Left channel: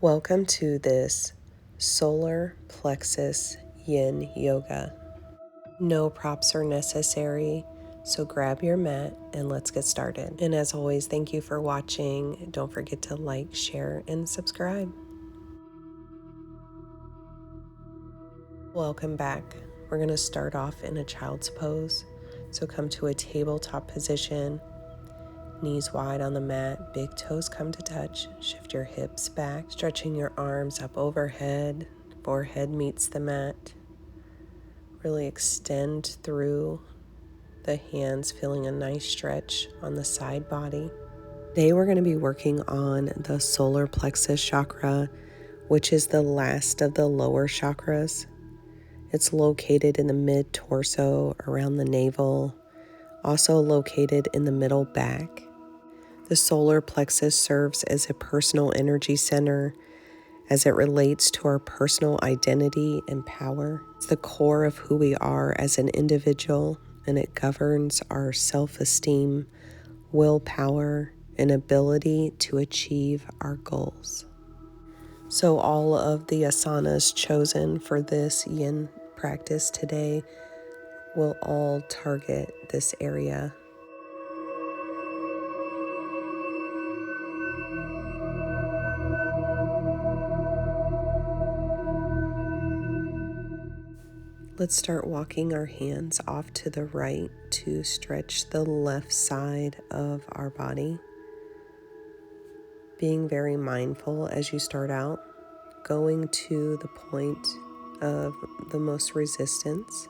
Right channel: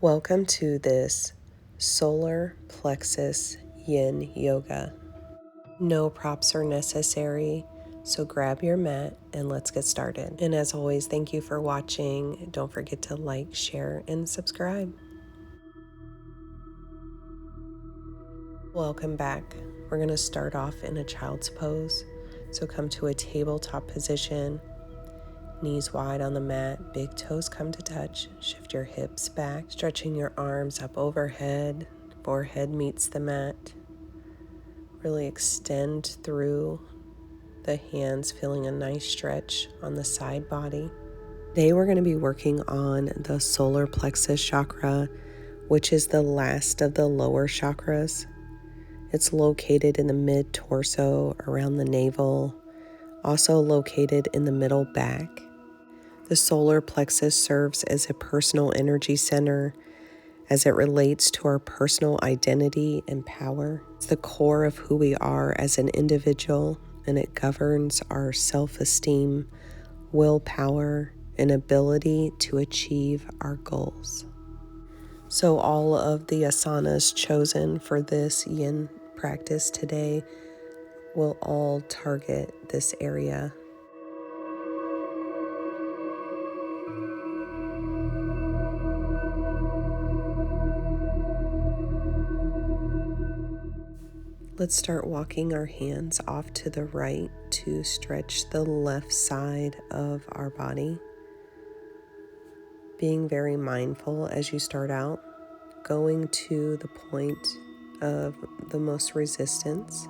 Welcome to this Solar Plexus Yin Yoga. No props are necessary, so grab your mat and let's get started. And as always, thank you for watching. Don't forget to like, share, and subscribe. Welcome back. We're going to start off in a child's pose. So come to a tabletop position. Knees wide on the mat, big toes come to touch. Shift your hips back, stretching your arms up overhead. Forehead meets the mat. Really extend through the hands, feeling a nice stretch on the side body. Today we're going to be working on the solar plexus chakra, which is the last of the lower chakras. It's located in the mid-torso, around the navel, also located in the middle back. The solar plexus serves as a personal energy center as it relates to our personal identity and power. It's the core of who we are as an individual, and it governs our self-esteem, willpower, and ability to achieve our goals. So all of the asanas chosen for this yin practice today will all target this area. Let's start walking our hands off to the right to stretch the left side of our body. Being very mindful as you start out, going to the point of the most resistance,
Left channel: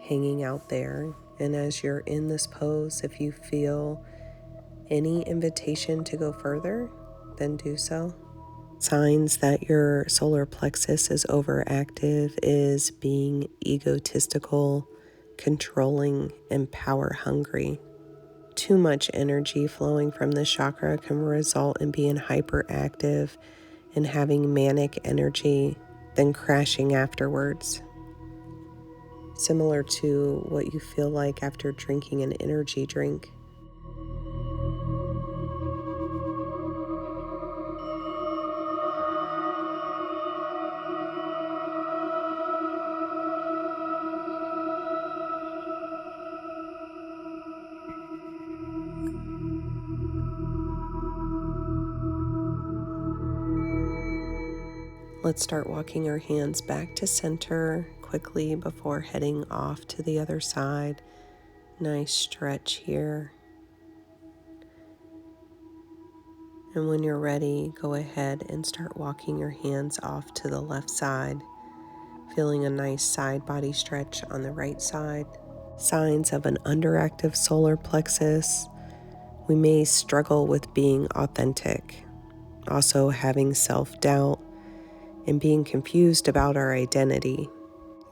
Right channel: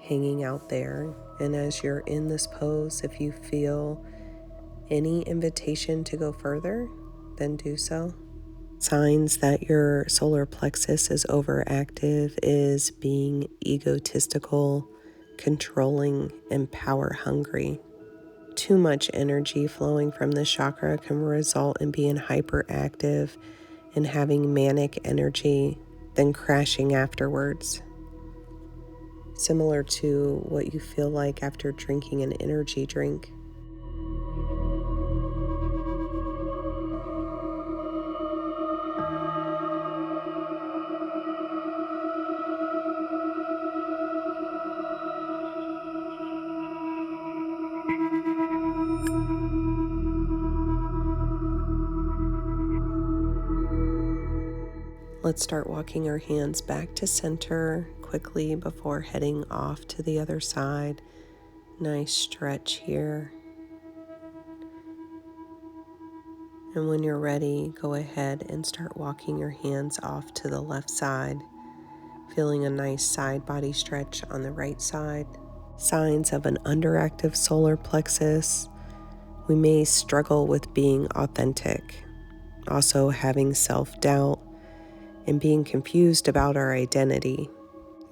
hanging out there. And as you're in this pose, if you feel any invitation to go further, then do so. Signs that your solar plexus is overactive is being egotistical, controlling, and power hungry. Too much energy flowing from this chakra can result in being hyperactive and having manic energy, then crashing afterwards. Similar to what you feel like after drinking an energy drink. Let's start walking our hands back to center quickly before heading off to the other side. Nice stretch here. And when you're ready, go ahead and start walking your hands off to the left side, feeling a nice side body stretch on the right side. Signs of an underactive solar plexus. We may struggle with being authentic, also having self-doubt, and being confused about our identity.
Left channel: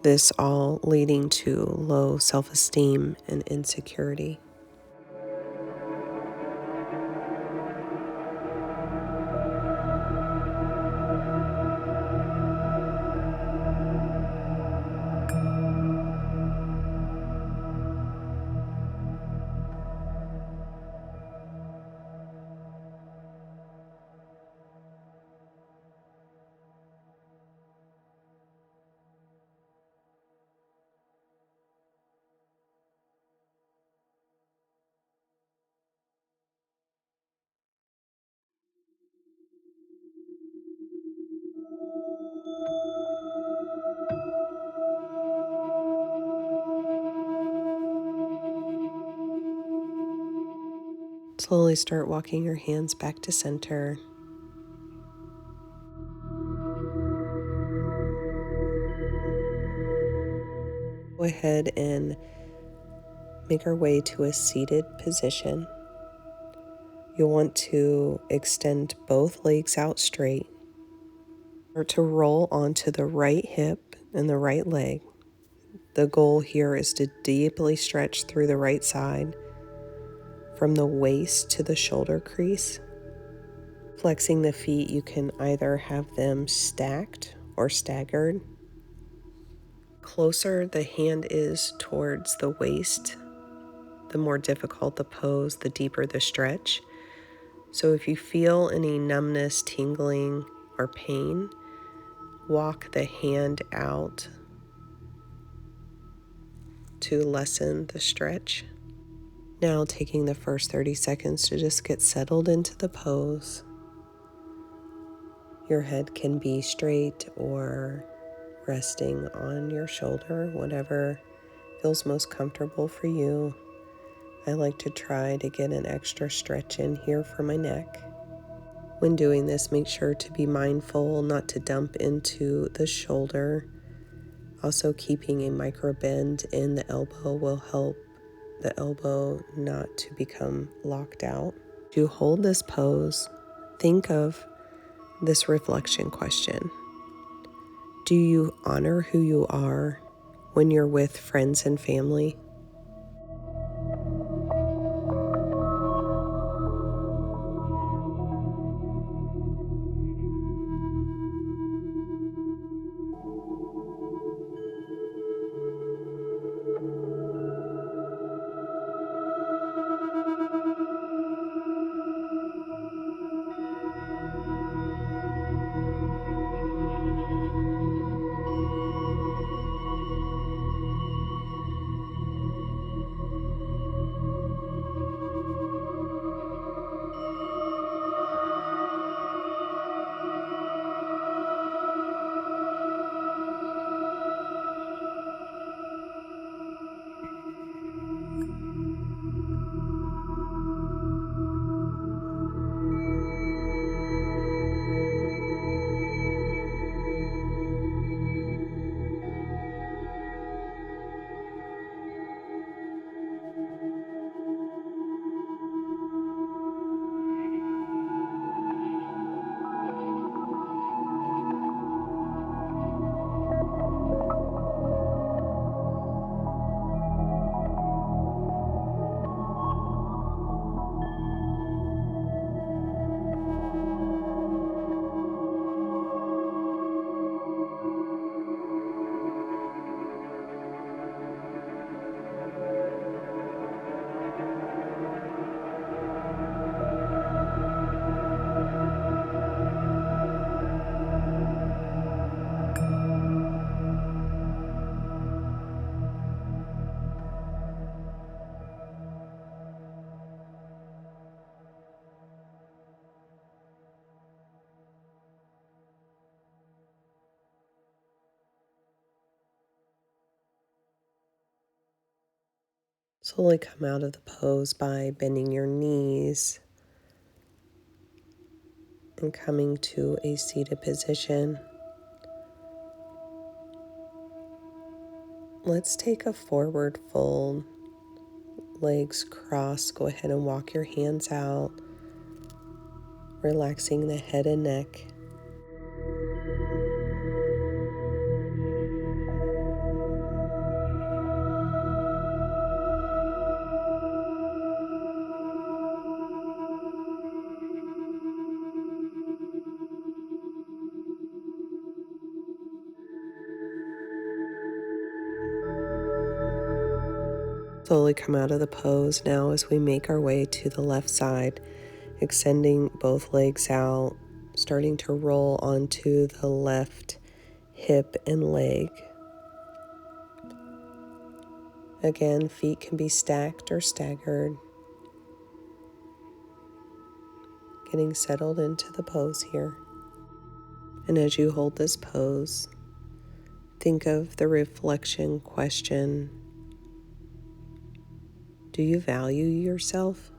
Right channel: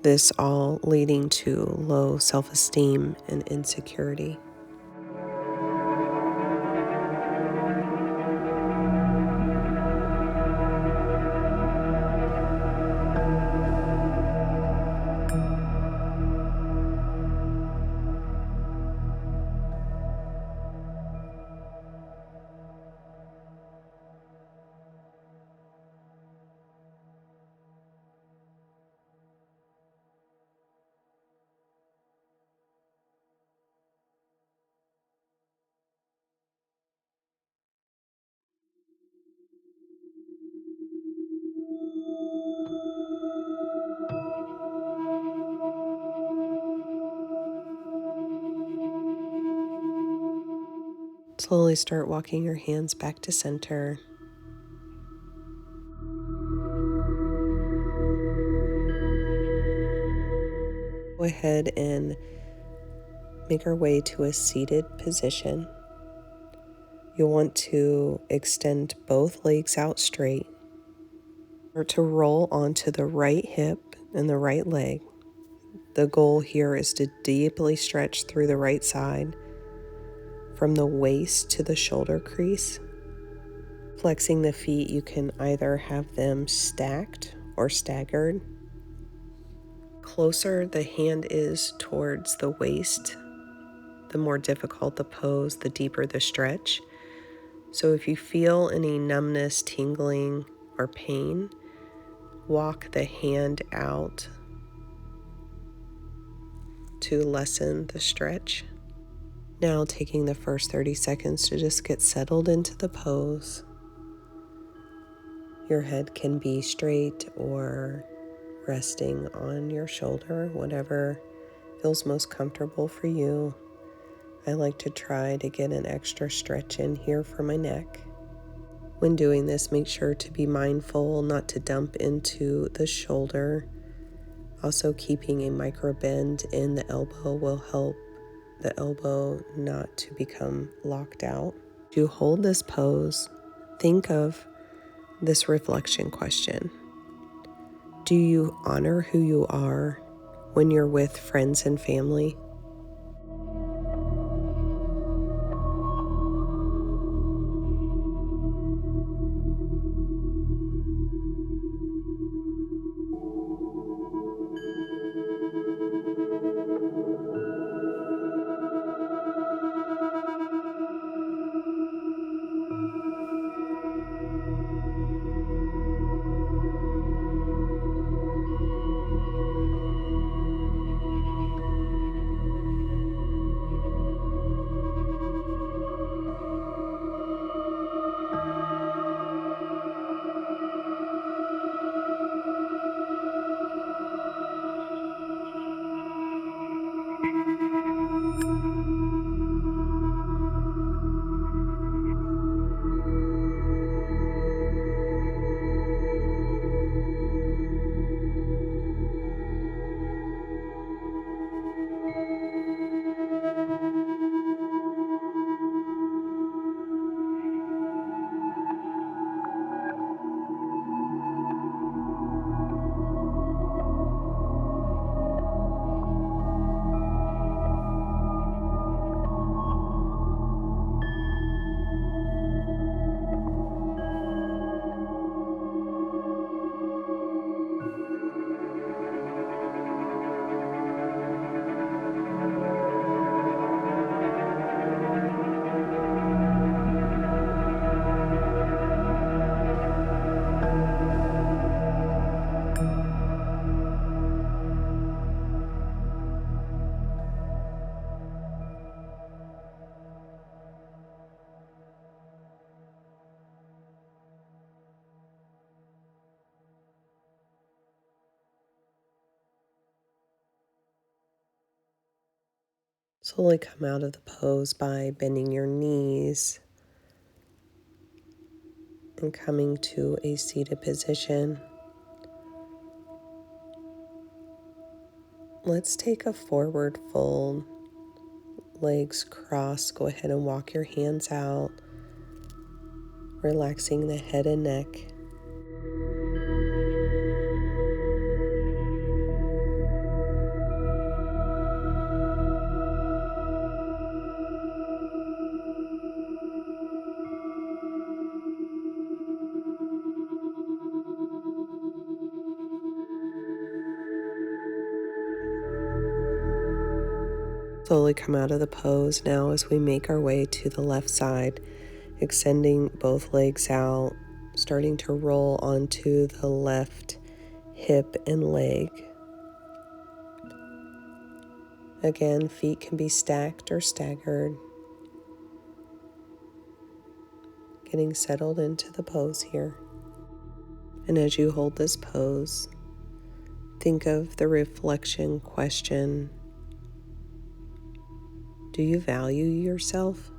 This all leading to low self-esteem and insecurity. Slowly start walking your hands back to center. Go ahead and make our way to a seated position. You'll want to extend both legs out straight, or to roll onto the right hip and the right leg. The goal here is to deeply stretch through the right side from the waist to the shoulder crease. Flexing the feet, you can either have them stacked or staggered. Closer the hand is towards the waist, the more difficult the pose, the deeper the stretch. So if you feel any numbness, tingling, or pain, walk the hand out to lessen the stretch. Now taking the first 30 seconds to just get settled into the pose. Your head can be straight or resting on your shoulder, whatever feels most comfortable for you. I like to try to get an extra stretch in here for my neck. When doing this, make sure to be mindful not to dump into the shoulder. Also, keeping a micro bend in the elbow will help the elbow not to become locked out. To hold this pose, think of this reflection question. Do you honor who you are when you're with friends and family? Slowly come out of the pose by bending your knees and coming to a seated position. Let's take a forward fold, legs crossed. Go ahead and walk your hands out, relaxing the head and neck. Slowly come out of the pose now as we make our way to the left side, extending both legs out, starting to roll onto the left hip and leg. Again, feet can be stacked or staggered. Getting settled into the pose here. And as you hold this pose, think of the reflection question. Do you value yourself?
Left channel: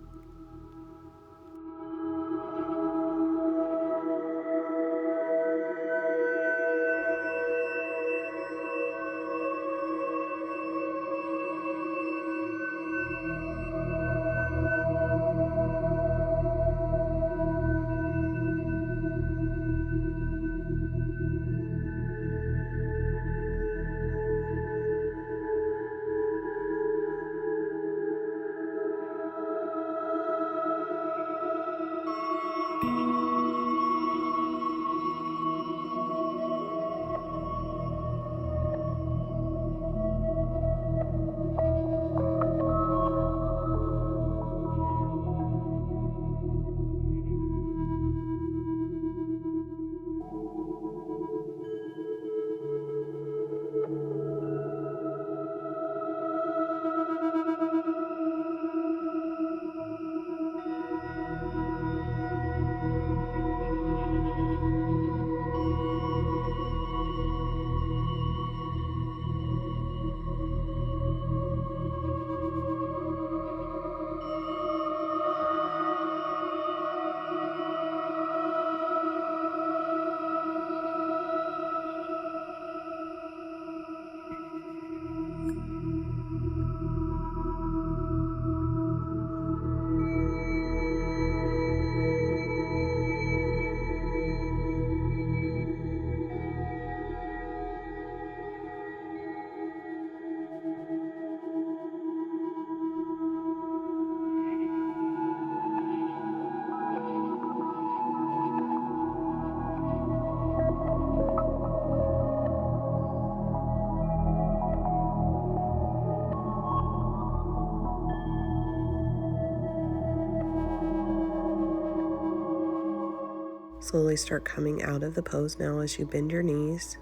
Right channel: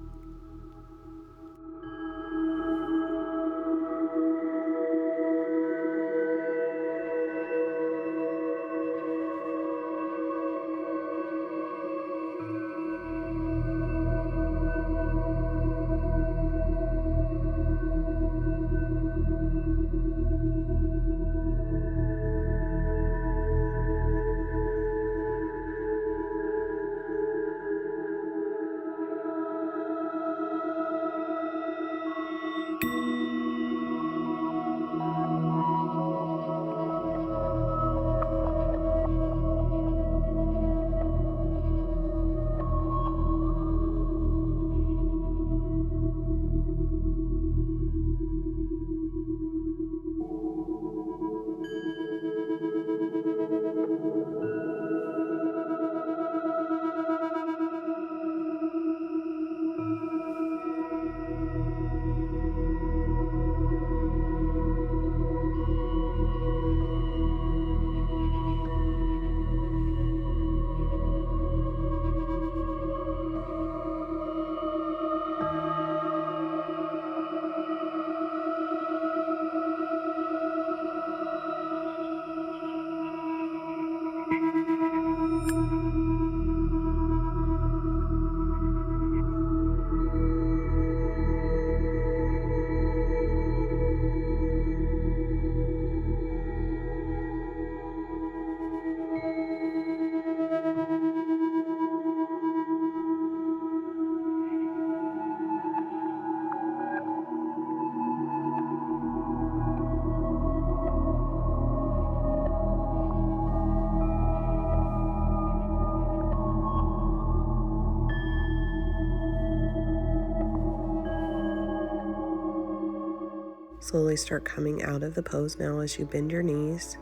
Slowly start coming out of the pose now as you bend your knees,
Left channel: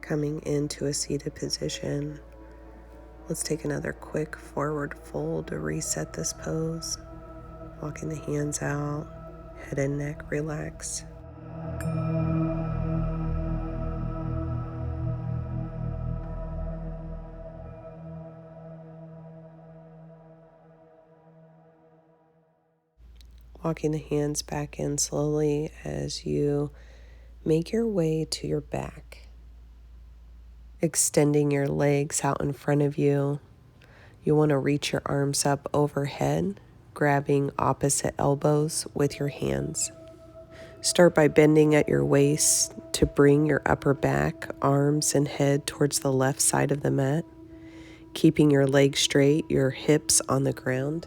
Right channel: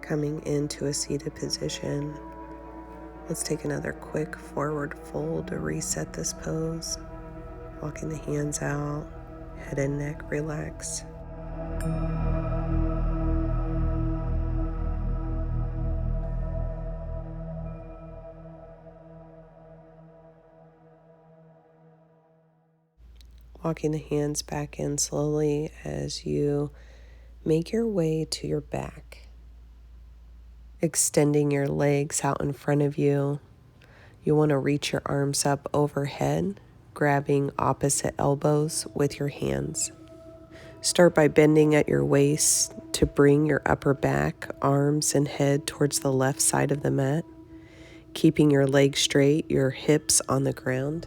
coming into a seated position. Let's take another quick forward fold to reset this pose. Walking the hands out, head and neck relax. Walking the hands back in slowly as you make your way to your back. Extending your legs out in front of you. You want to reach your arms up overhead, grabbing opposite elbows with your hands. Start by bending at your waist to bring your upper back, arms, and head towards the left side of the mat, keeping your legs straight, your hips on the ground.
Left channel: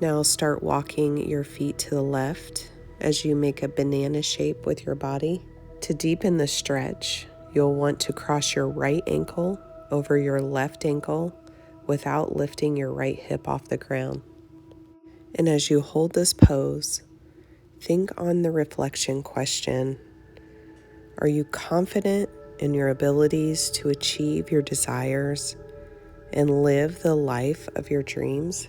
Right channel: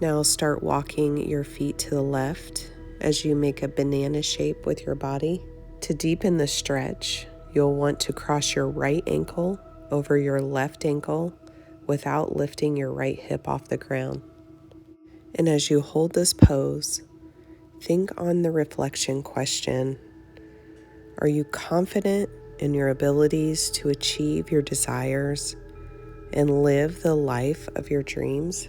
Now start walking your feet to the left as you make a banana shape with your body. To deepen the stretch, you'll want to cross your right ankle over your left ankle without lifting your right hip off the ground. And as you hold this pose, think on the reflection question. Are you confident in your abilities to achieve your desires and live the life of your dreams?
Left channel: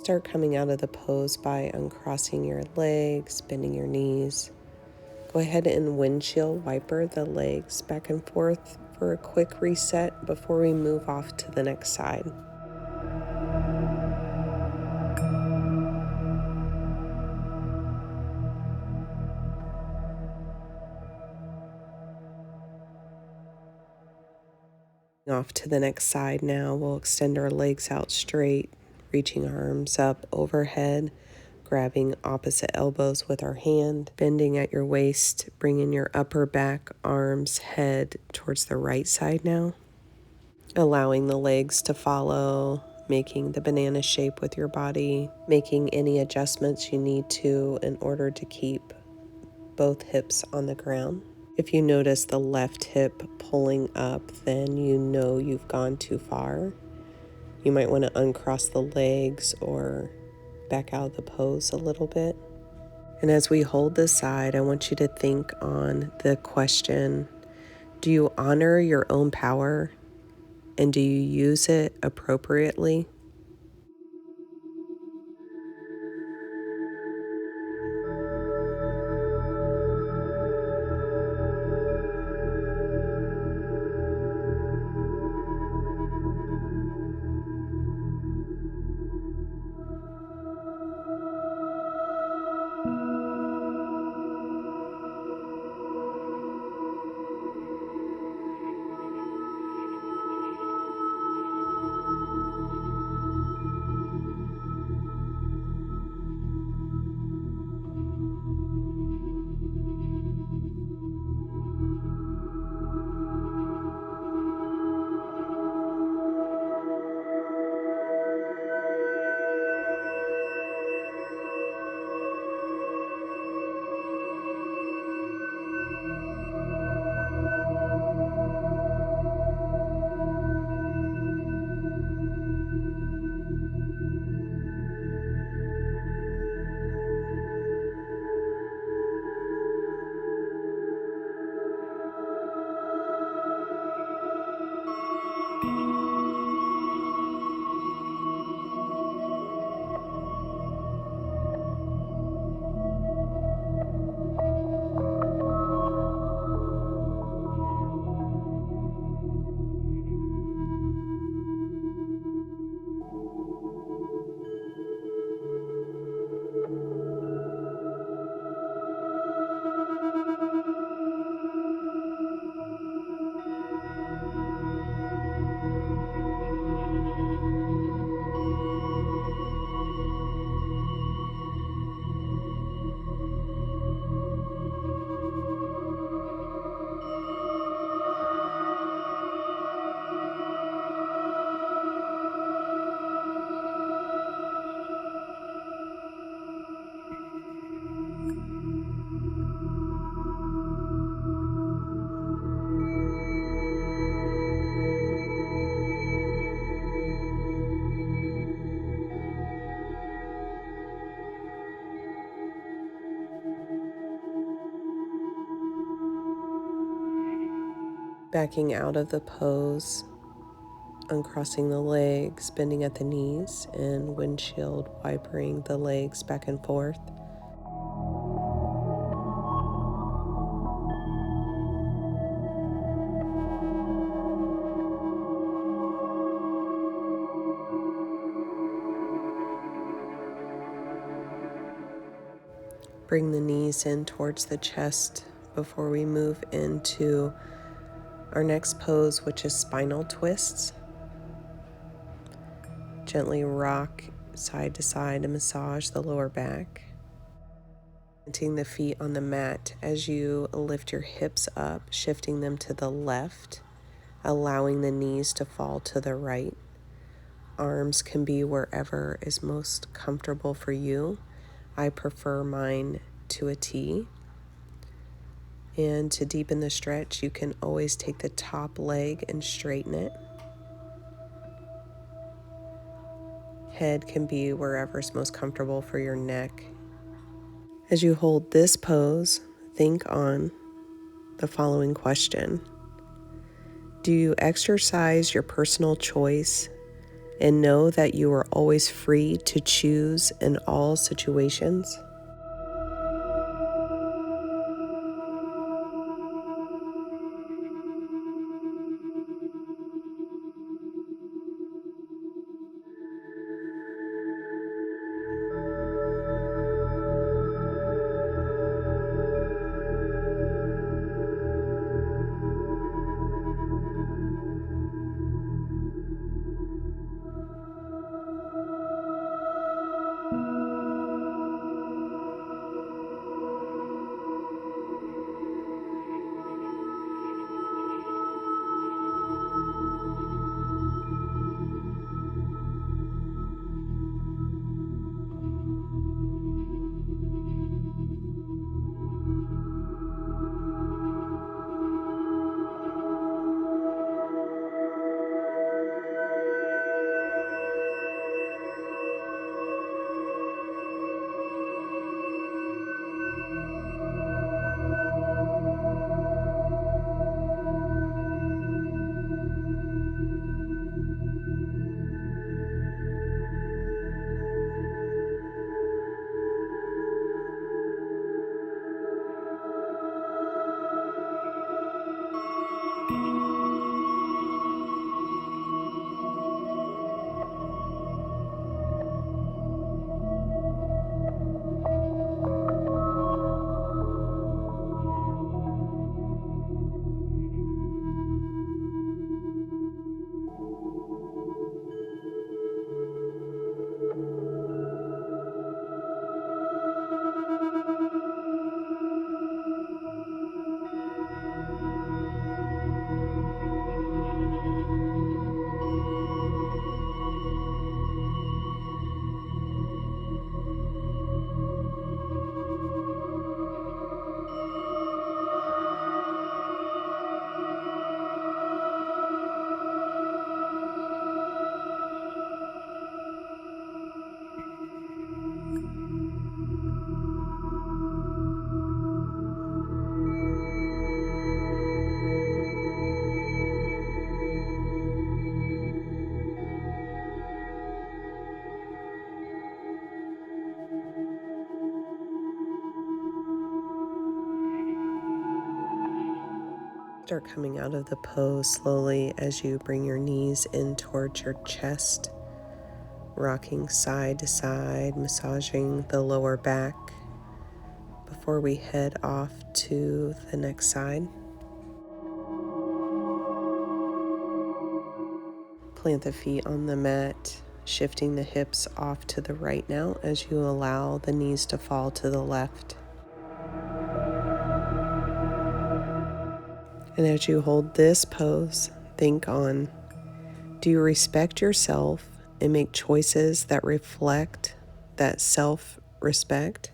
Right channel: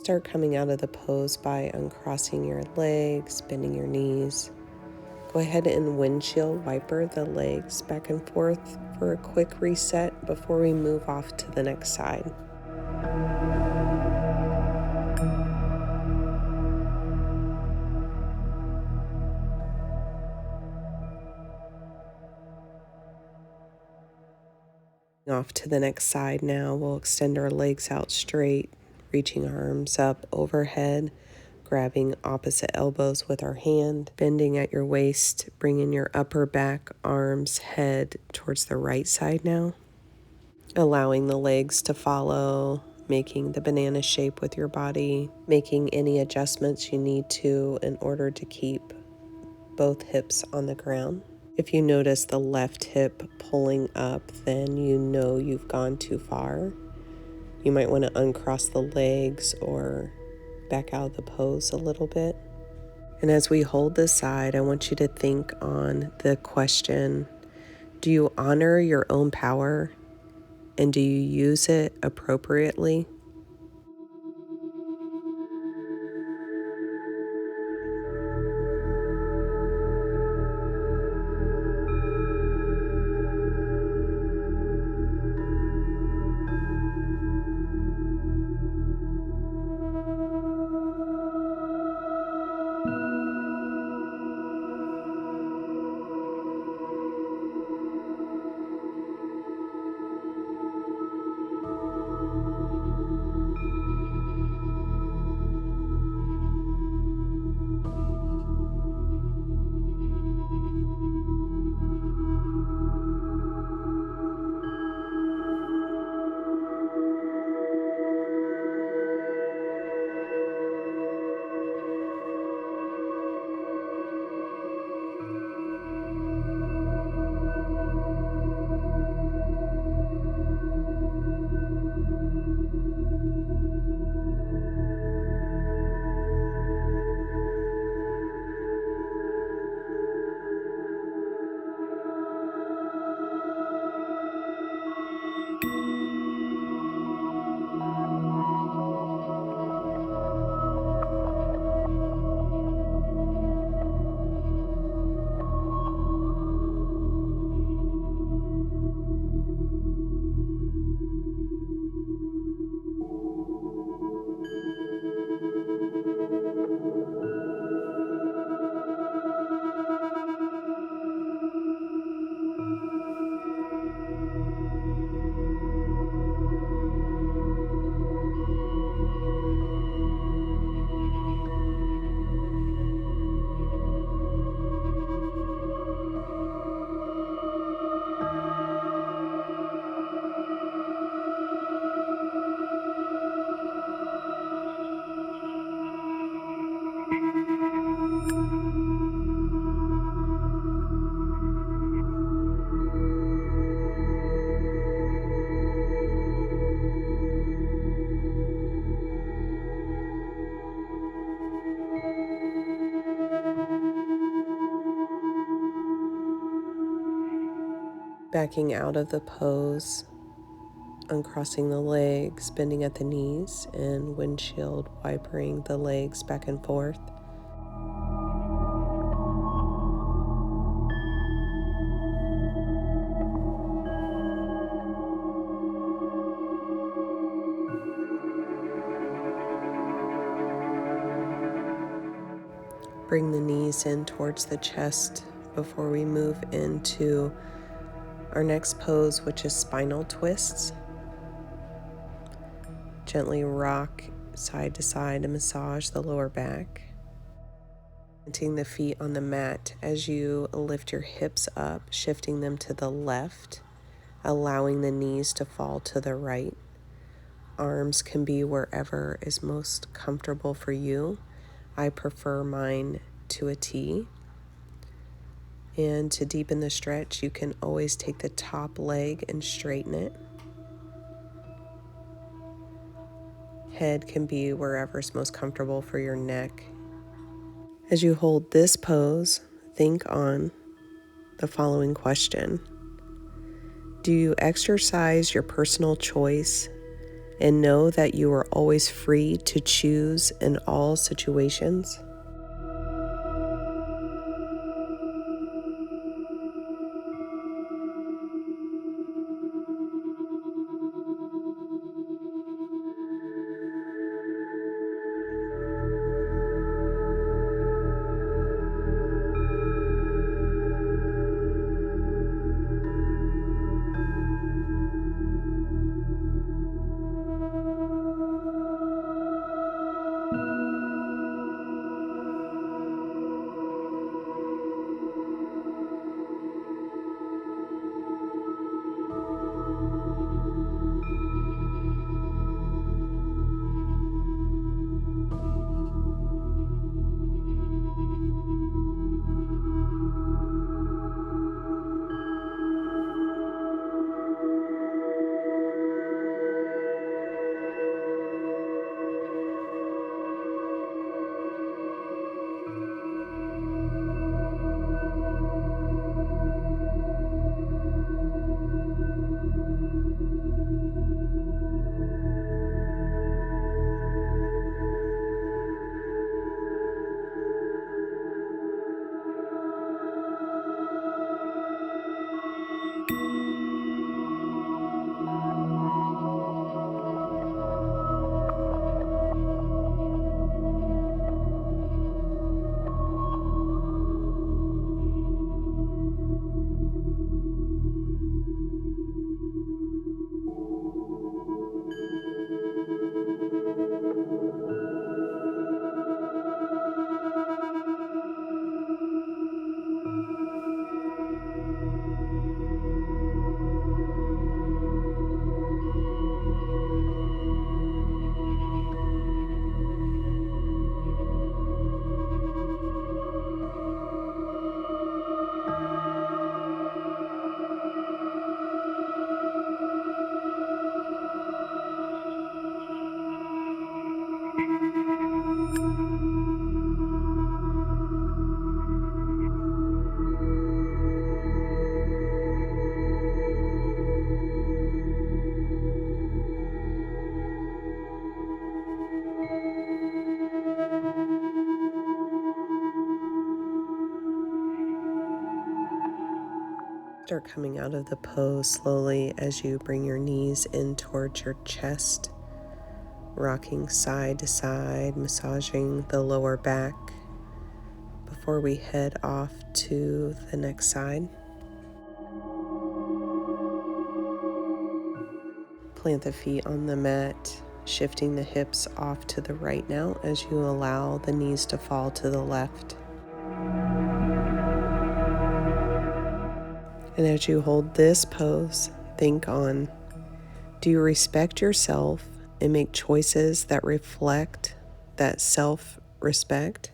Start coming out of the pose by uncrossing your legs, bending your knees. Go ahead and windshield wiper the legs back and forth for a quick reset before we move off to the next side. Off to the next side now, we'll extend our legs out straight, reaching our arms up overhead, grabbing opposite elbows with our hand, bending at your waist, bringing your upper back, arms, head towards the right side now, allowing the legs to follow, making the banana shape with your body, making any adjustments you need to in order to keep both hips on the ground. If you notice the left hip pulling up, then you know you've gone too far. You might want to uncross the legs or back out of the pose a little bit. And as we hold this side, I want you to think on the question, do you honor your own power and do you use it appropriately? Backing out of the pose, uncrossing the legs, bending at the knees, and windshield wipering the legs back and forth. Bring the knees in towards the chest before we move into our next pose, which is spinal twists. Gently rock side to side and massage the lower back. Planting the feet on the mat as you lift your hips up, shifting them to the left, allowing the knees to fall to the right. Arms can be wherever is most comfortable for you. I prefer mine to a T. And to deepen the stretch, you can always take the top leg and straighten it. Head can be wherever is most comfortable for your neck. As you hold this pose, think on the following question. Do you exercise your personal choice and know that you are always free to choose in all situations? Start coming out of the pose slowly as you bring your knees in towards your chest, rocking side to side, massaging the lower back before we head off to the next side. Plant the feet on the mat, shifting the hips off to the right now as you allow the knees to fall to the left. And as you hold this pose, think on, do you respect yourself and make choices that reflect that self-respect?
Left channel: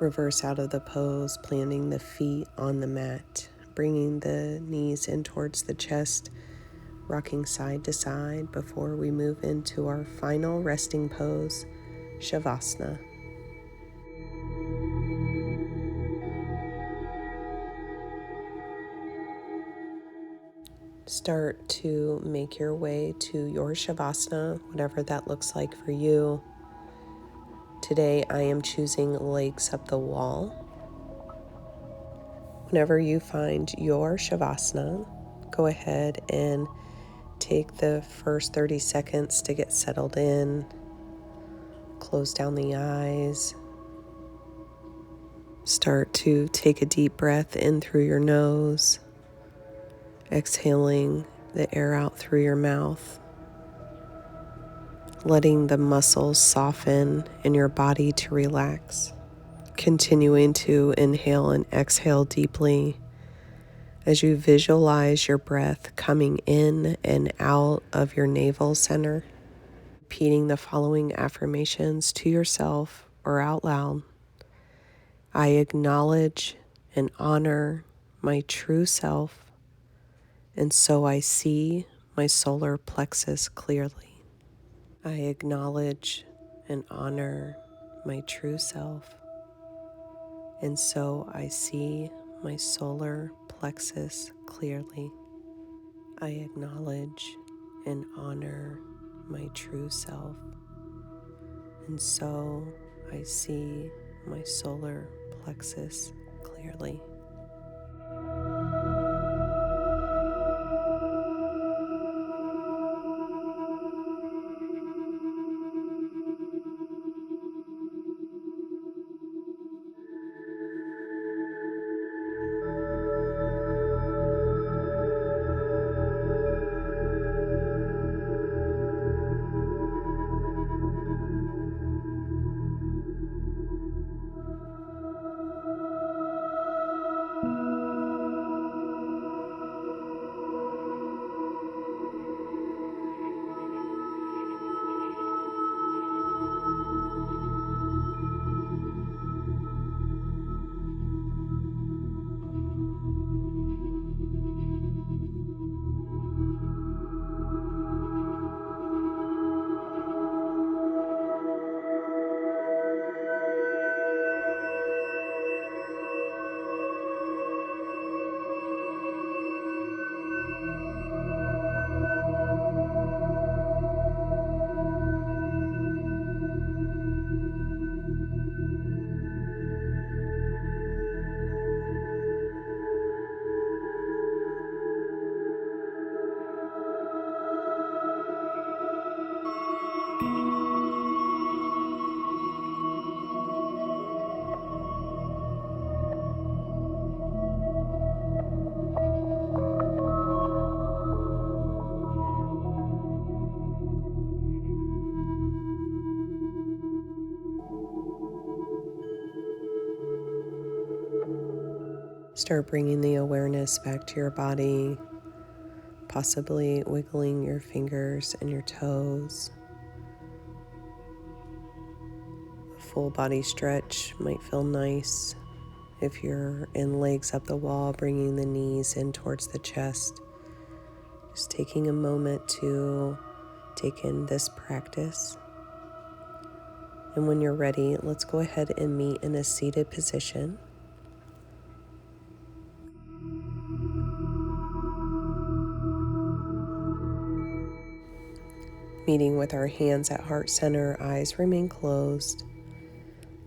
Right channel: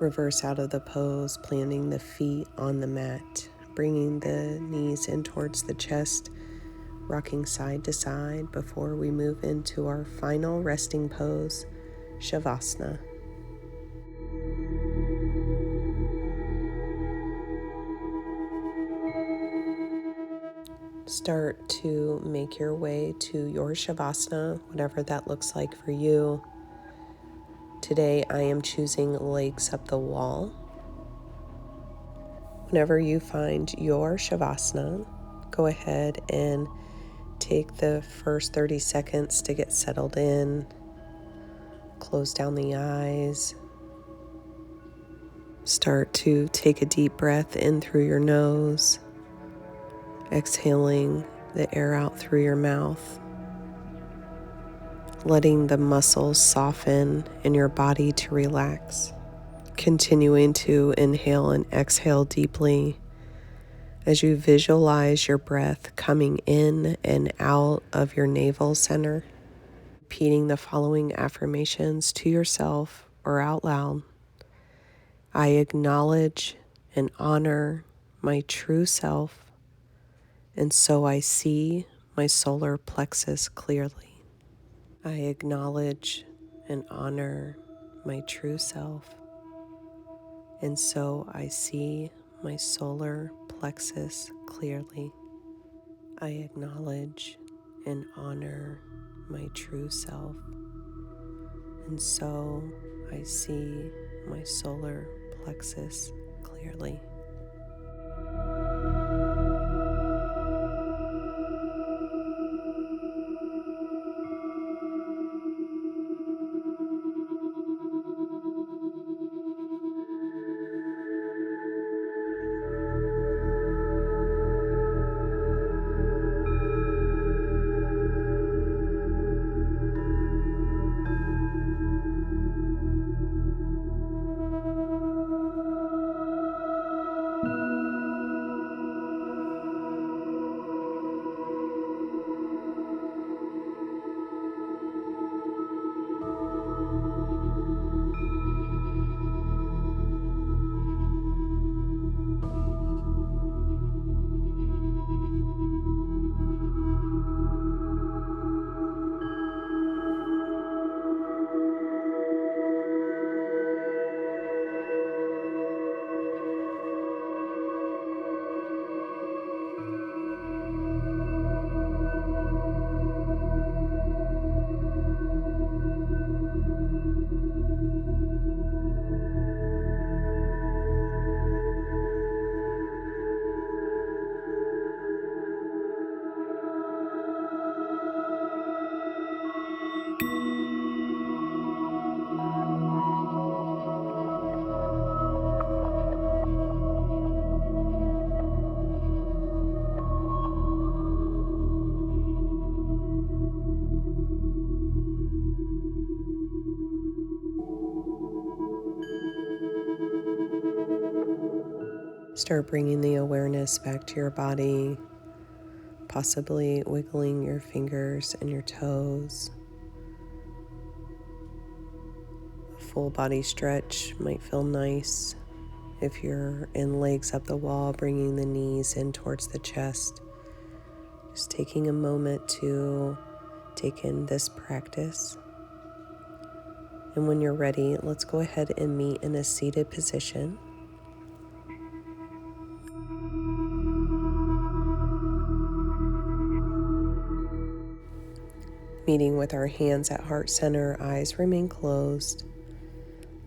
Reverse out of the pose, planting the feet on the mat, bringing the knees in towards the chest, rocking side to side before we move into our final resting pose, Shavasana. Start to make your way to your Shavasana, whatever that looks like for you. Today I am choosing legs up the wall. Whenever you find your Shavasana, go ahead and take the first 30 seconds to get settled in. Close down the eyes. Start to take a deep breath in through your nose, exhaling the air out through your mouth, letting the muscles soften and your body to relax. Continuing to inhale and exhale deeply as you visualize your breath coming in and out of your navel center. Repeating the following affirmations to yourself or out loud. I acknowledge and honor my true self, and so I see my solar plexus clearly. I acknowledge and honor my true self, And so I see my solar plexus clearly. I acknowledge and honor my true self. And so I see my solar plexus clearly. Start bringing the awareness back to your body, possibly wiggling your fingers and your toes. A full body stretch might feel nice. If you're in legs up the wall, bringing the knees in towards the chest. Just taking a moment to take in this practice. And when you're ready, let's go ahead and meet in a seated position. Meeting with our hands at heart center, eyes remain closed.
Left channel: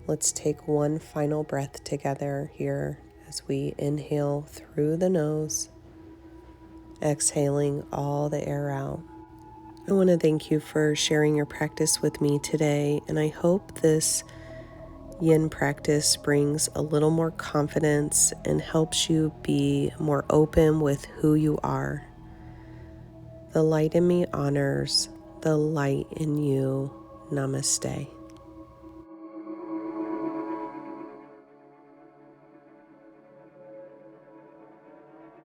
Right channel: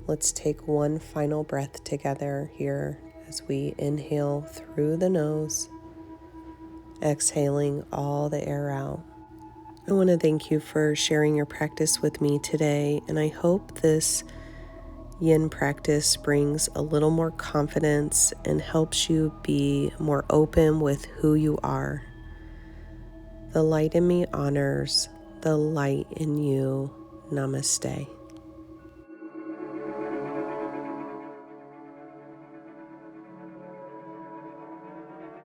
Let's take one final breath together here as we inhale through the nose, exhaling all the air out. I want to thank you for sharing your practice with me today, and I hope this yin practice brings a little more confidence and helps you be more open with who you are. The light in me honors the light in you. Namaste.